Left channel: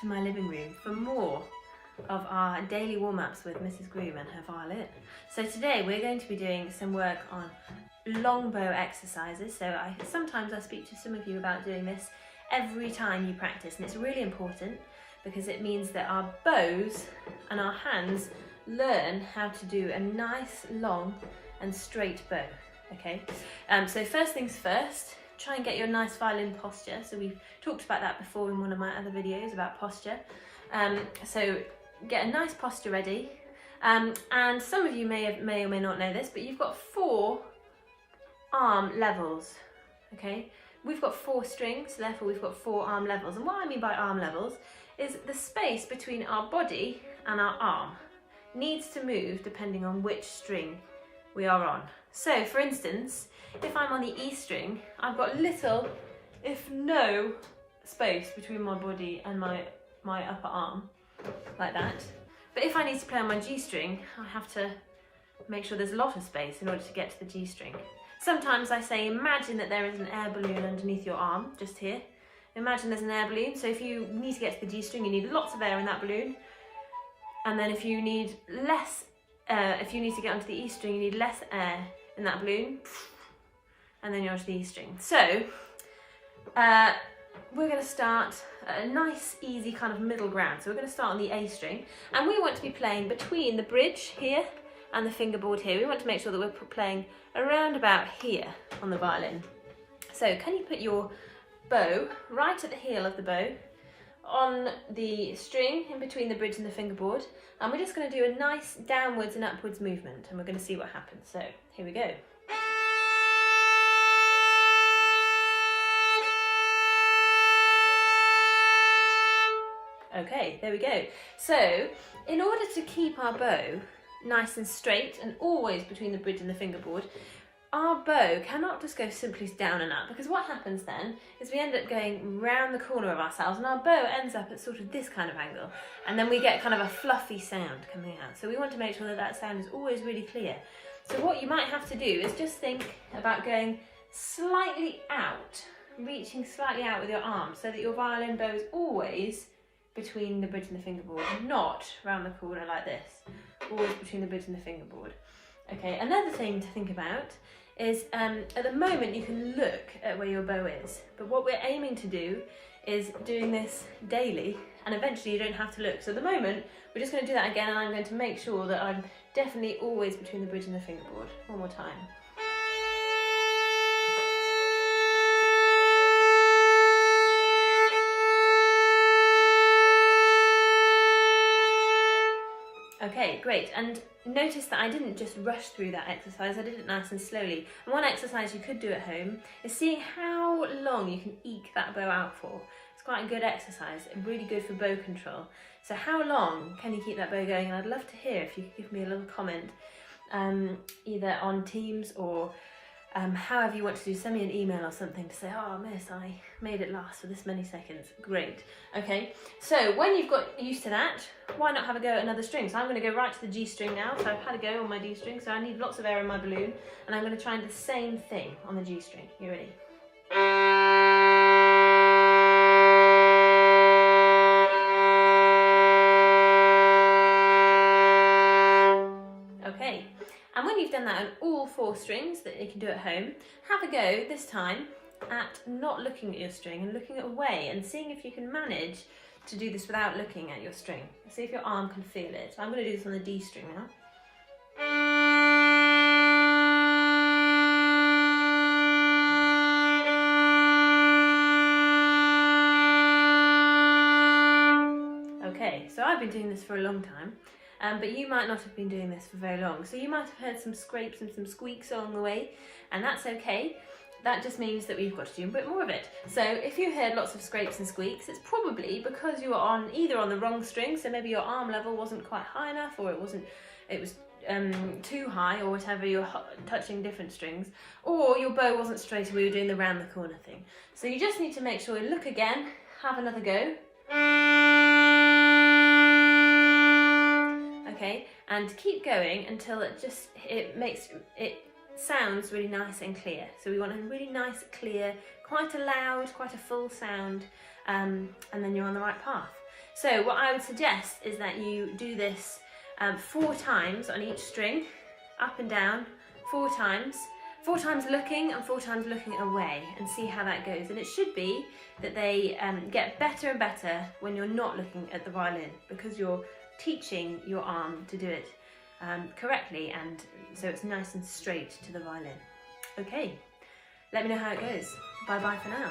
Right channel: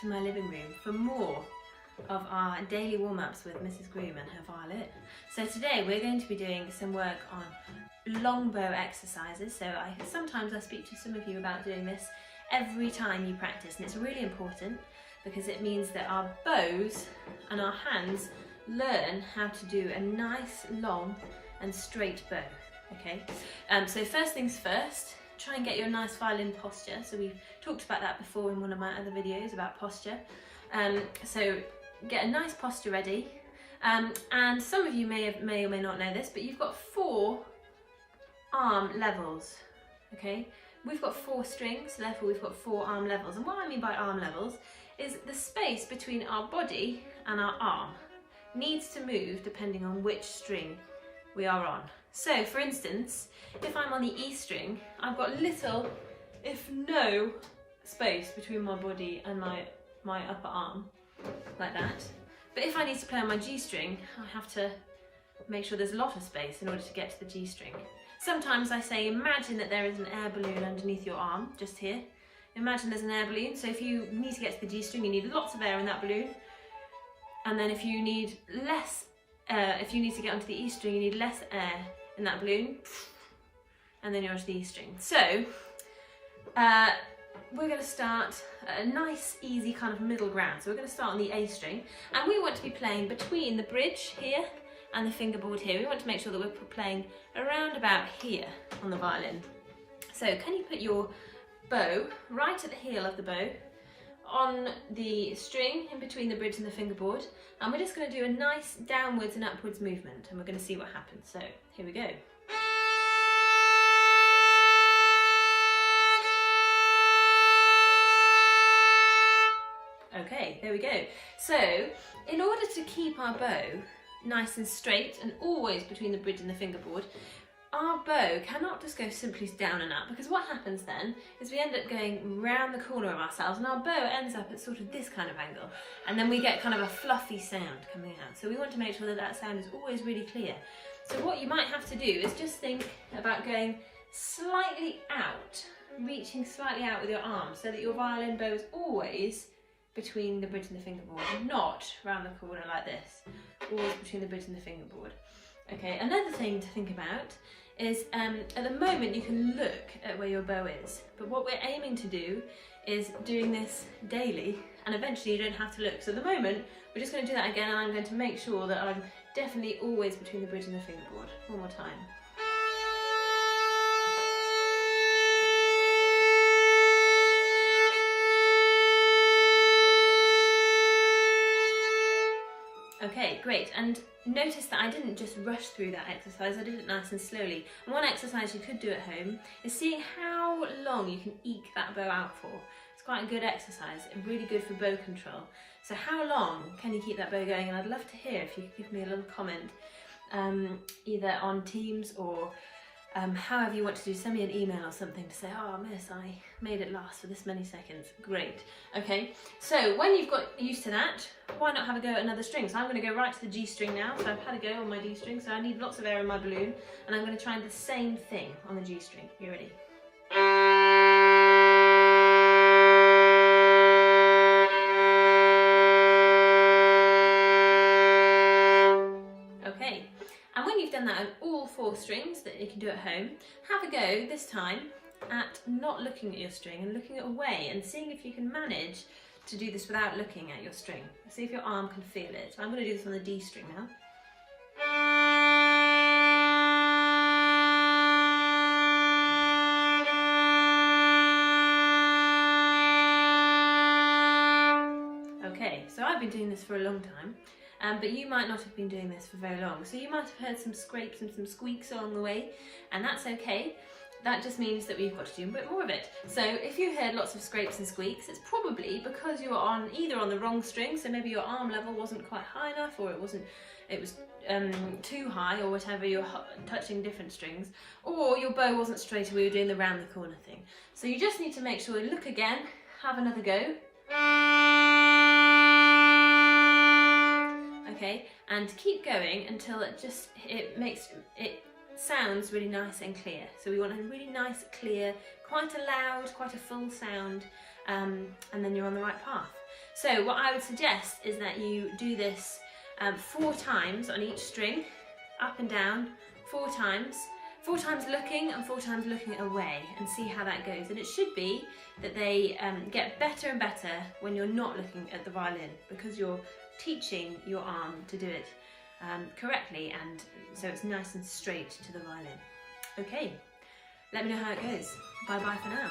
to my living room for more of our daily warm-ups with Mrs. Groom and her violin. So today we're going to be doing some work on long bow exercises. So sometimes I speak to some of you about doing this every time you practice, and it's really important because it means that our bows and our hands learn how to do a nice long and straight bow. Okay, so first things first, try and get your nice violin posture. So we've talked about that before in one of my other videos about posture. So get a nice posture ready, and some of you may or may not know this, but you've got 4 arm levels. Okay, we've got 4 strings, so therefore we've got 4 arm levels. And what I mean by arm levels is the space between our body and our arm needs to move depending on which string we are on. So for instance, if I'm on the E string, I've got little, if no, space between my body and my upper arm, like that. But if I need to play on my G string, I have to make sure there's a lot of space in order to get to the G string. Sometimes I say, imagine that there is an air balloon underneath your arm, just here. Imagine there's an air balloon, so if you need to get to the G string, you need lots of air in that balloon. And then if you need to get onto the E string, you need less air in that balloon, and then you're onto the E string. So we're going to start a nice, easy kind of middle ground. So we're going to start on the A string, and we want to be playing between the bridge here and the fingerboard here. We want to make sure that we're playing around about here on the violin. So can you put your bow right at the heel of the bow on the string in between the bridge and the fingerboard, and we're just going to do a nice downwards and upwards movement, and we're going to see what happens. So here we go. Okay, there we go. So in order to keep our bow nice and straight and always between the bridge and the fingerboard, our bow cannot just go simply down and up, because what happens then is we end up going round the corner of ourselves and our bow ends up at sort of this kind of angle, and then we get kind of a fluffy sound coming out. So we want to make sure that that sound is always really clear. So what you might have to do is just think about going slightly out, reaching slightly out with your arm, so that your violin bow is always between the bridge and the fingerboard, not round the corner like this, always between the bridge and the fingerboard. Okay, another thing to think about is at the moment you can look at where your bow is, but what we're aiming to do is doing this daily, and eventually you don't have to look. So at the moment we're just going to do that again, and I'm going to make sure that I'm definitely always between the bridge and the fingerboard. One more time. Okay, great. And notice that I didn't just rush through that exercise, I did it nice and slowly. And one exercise you could do at home is seeing how long you can eke that bow out for. It's quite a good exercise, really good for bow control. So how long can you keep that bow going? And I'd love to hear if you could give me a little comment, either on Teams or however you want to do. Send me an email or something to say, oh miss, I made it last for this many seconds. Great. Okay, so when you've got used to that, why not have a go at another string? So I'm going to go right to the G string now. So I've had a go on my D string, so I need lots of air in my balloon, and I'm going to try the same thing on the G string. You ready? Okay, and when you've done that on all 4 strings that you can do at home, have a go this time at not looking at your string and looking away, and seeing if you can manage to do this without looking at your string. See if your arm can feel it. So I'm going to do this on the D string now. Okay, so I've been doing this for a long time, but you might not have been doing this for very long. So you might have heard some scrapes and some squeaks along the way, and that's okay. That just means that we've got to do a bit more of it. So if you heard lots of scrapes and squeaks, it's probably because you were either on the wrong string, so maybe your arm level wasn't quite high enough, or it was too high, or whatever, you're touching different strings, or your bow wasn't straight and we were doing the round the corner thing. So you just need to make sure you look again, have another go. Okay, and keep going until it sounds really nice and clear. So we want a really nice, clear, quite a loud, quite a full sound, and then you're on the right path. So what I would suggest is that you do this 4 times on each string, up and down, 4 times. 4 times looking and 4 times looking away, and see how that goes. And it should be that they get better and better when you're not looking at the violin, because you're teaching your arm to do it correctly, and so it's nice and straight to the violin. Okay, let me know how it goes. Bye bye for now.